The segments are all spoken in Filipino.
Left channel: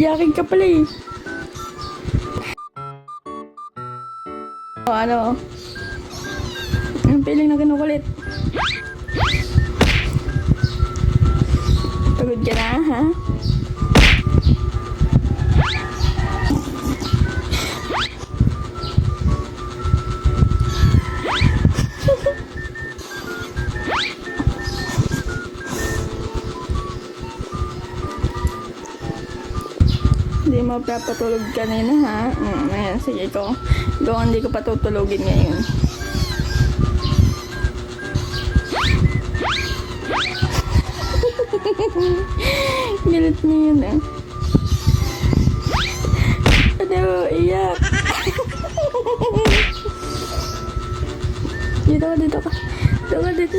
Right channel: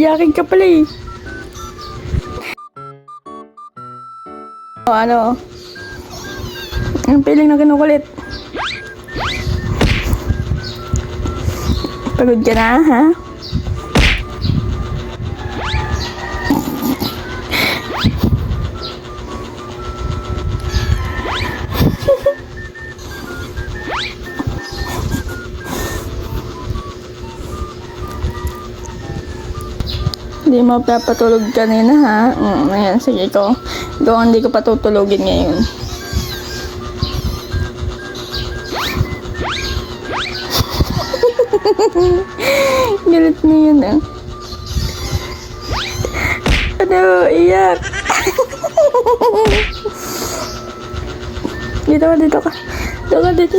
Iyakin ka pala eh. Ano? Ang piling na kinukulit. Pagod ka na, ha? Hindi mo papatulog kanina, ha? Ayan, sige ko. Doon, hindi ko patutulogin ngayon. Galit na yun, ah. Ano, iyak. Dito ka, dito ka. Dito ka, dito.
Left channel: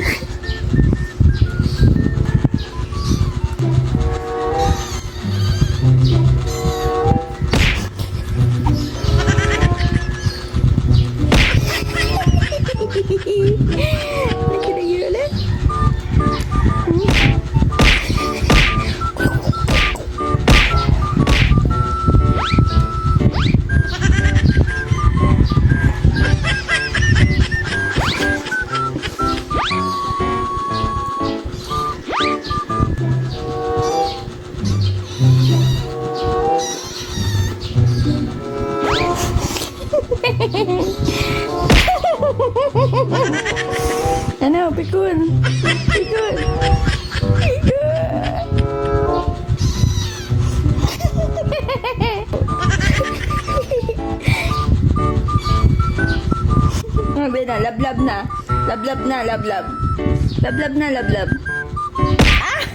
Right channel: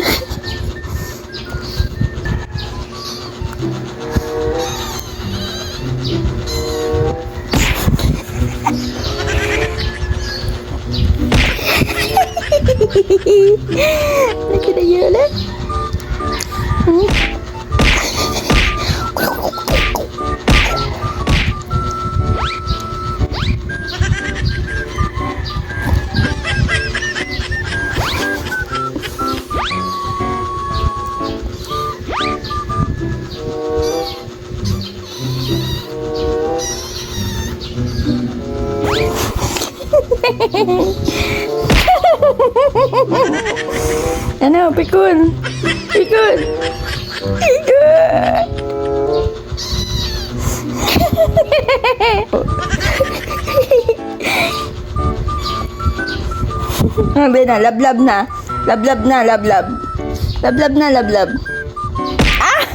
Lagi na yun, ah. Ano, pikun? Pikun! Pikun! Sabi na, lablab na. Lablab na, lablab. Lablab na, lablab. Ah!